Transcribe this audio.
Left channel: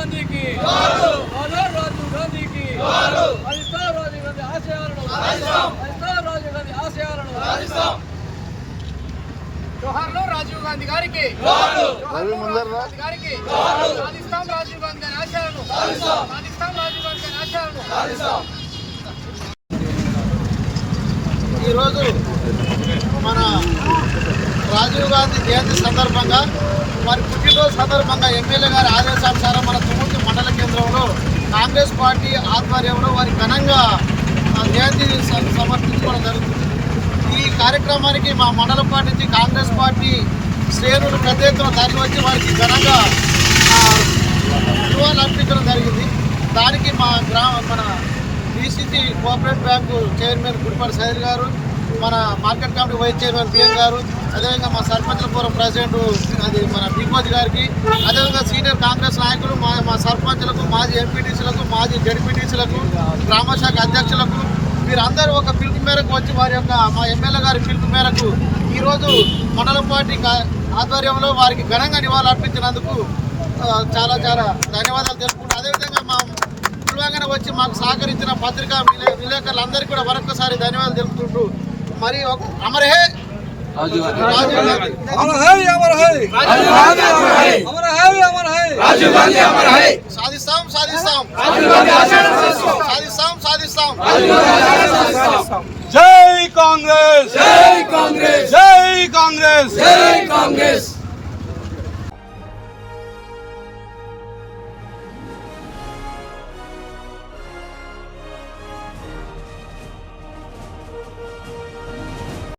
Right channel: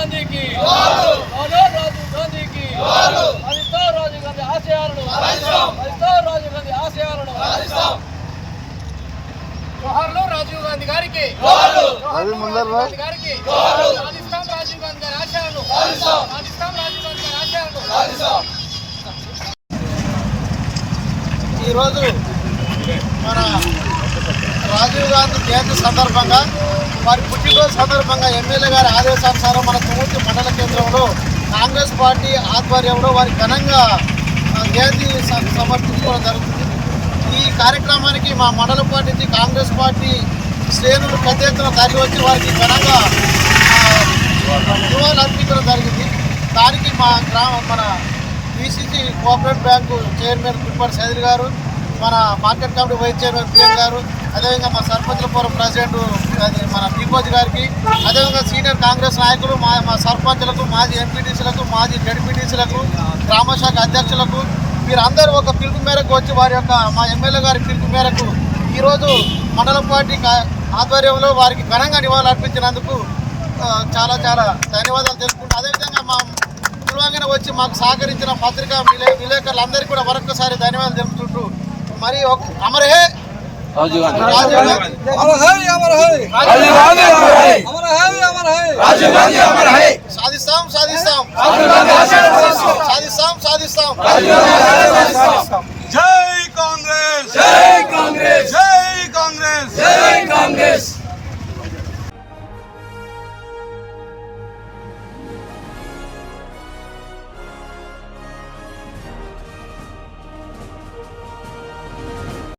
गांधी की राजीव गांधी की राजीव गांधी आशयाలను राजीव गांधी आशयाలను జోహార్లు రాజీవ్ గాంధీ గారికి జోహార్లు రాజీవ్ గాంధీ గారికి సాధిస్తాం రాజీవ్ గాంధీ గారి ఆశయాలను సాధిస్తాం రాజీవ్ గాంధీ గారి ఆశయాలను ఈరోజు మన రాజీవ్ గాంధీ జయంతి సందర్భంగా వారి పుట్టినరోజు సందర్భంగా ఎమ్మెల్యే గారి ఆదేశానుసారం మన తుమ్మూర్తి మండల కేంద్రంలో కాంగ్రెస్ పార్టీ ఆధ్వర్యంలో వారి ఘనంగా జయంతి సమర్పించుకోవడం జరుగుతుంది. ఈ కార్యక్రమానికి మా మండల పార్టీ నుంచి కాంగ్రెస్ పార్టీ శ్రేణులు పెద్ద ఎత్తున తరలి వచ్చి వారికి ఘనంగా నివాళులు అర్పించడం జరిగింది. దానికి మన BCC cooperative bank chairman Gudipati Saidar గారు, మన market committee vice chairman PM గారు, అదేవిధంగా మా సర్పంచ్ల ఫోరం ప్రెసిడెంట్ అది మన బీకోజ్ గారికి, అదేవిధంగా సీనియర్ కాంగ్రెస్ నాయకులు మా సర్పంచ్లకు, మాజీ ఎంపీటీసీలకు, మాజీ జడ్పీటీసీలకు, గ్రామశాఖ అధ్యక్షులకు వీరందరూ ఒక పిలుపు మేరకు వచ్చి వారి యొక్క మా ఎమ్మెల్యే గారి పిలుపు మేరకు ఈరోజు మండల పార్టీ ఆధ్వర్యంలో వారికి ఘనంగా నివాళులు అర్పించినందుకు చాలా చాలా ధన్యవాదాలు తెలుపుకుంటూ, అదేవిధంగా మా పిలువగానే వచ్చి మాకు సహకరించిన పత్రికా విలేకరులందరికీ కూడా మరొకసారి ధన్యవాదాలు తెలుపుతుంటూ మరి అమర్ హే రాజీవ్ గాంధీ, సాధిస్తాం సాధిస్తాం సాధిస్తాం సాధిస్తాం. జై కాంగ్రెస్, జై కాంగ్రెస్, జై కాంగ్రెస్, జై కాంగ్రెస్.